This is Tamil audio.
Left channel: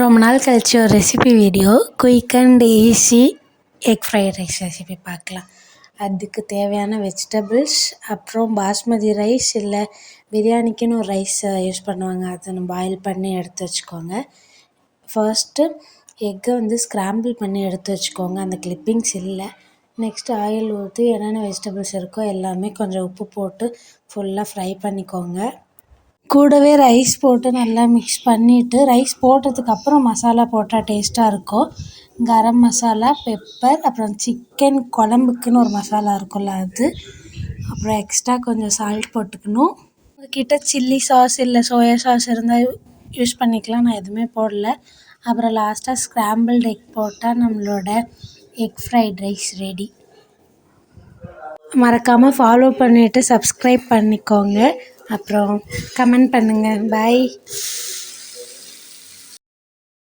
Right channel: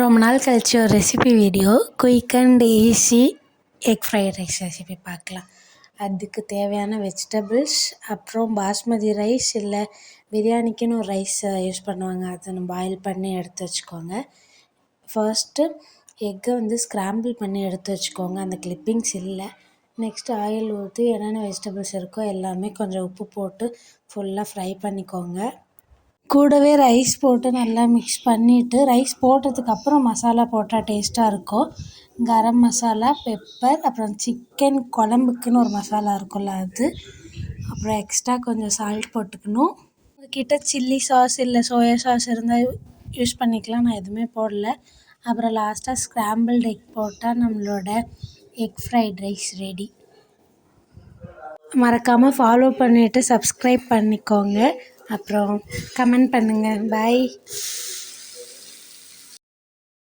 ரொம்ப நாள் கழிச்சு ஒரு recipe video quick and easy egg fried rice recipe பார்க்கலாம். அதுக்கு தேவையான வெஜிடபிள்ஸ், அப்புறம் பாஸ்மதி ரைஸ் இல்லை பிரியாணிக்குன்னு ஒரு ரைஸ் யூஸ் பண்ணுவாங்க, அதை நம்ம பாயில் பண்ணி எடுத்து வச்சுக்கோங்க. ஃபர்ஸ்ட்டு எக்கை ஸ்க்ராம்பிள் பண்ணி எடுத்து வச்சுக்கோங்க, அந்த கிளிப்பிங்ஸ் இல்லை. நெக்ஸ்ட்டு ஆயில் ஊற்றி என்னென்ன வெஜிடபிள்ஸ் இருக்கோ எல்லாமே கொஞ்சம் உப்பு போட்டு ஃபுல்லாக ஃப்ரை பண்ணிக்கோங்க. கூடவே ரைஸ் போட்டு நல்லா மிக்ஸ் பண்ணிவிட்டு, ரைஸ் போட்டதுக்கப்புறம் மசாலா போட்டால் டேஸ்ட்டாக இருக்கும். கரம் மசாலா, பெப்பர், அப்புறம் சிக்கன் குழம்புக்குன்னு ஒரு மசாலா இருக்கும்ல அது, அப்புறம் எக்ஸ்ட்ரா கொஞ்சம் சால்ட் போட்டுக்கணும். உங்கள்கிட்ட சில்லி சாஸ் இல்லை சோயா சாஸ் இருந்தால் யூஸ் பண்ணிக்கலாம், நான் எதுவுமே போடல. அப்புறம் லாஸ்ட்டாக ஸ்க்ராம்பிள்டு எக் போட்டால் நம்மளோட எக் ஃப்ரைட் ரைஸ் ரெடி. மறக்காமல் ஃபாலோ பண்ணிவிட்டு சப்ஸ்கிரைப் பண்ணிக்கோங்க. அப்புறம் கமெண்ட் பண்ணுங்கள். பாய்.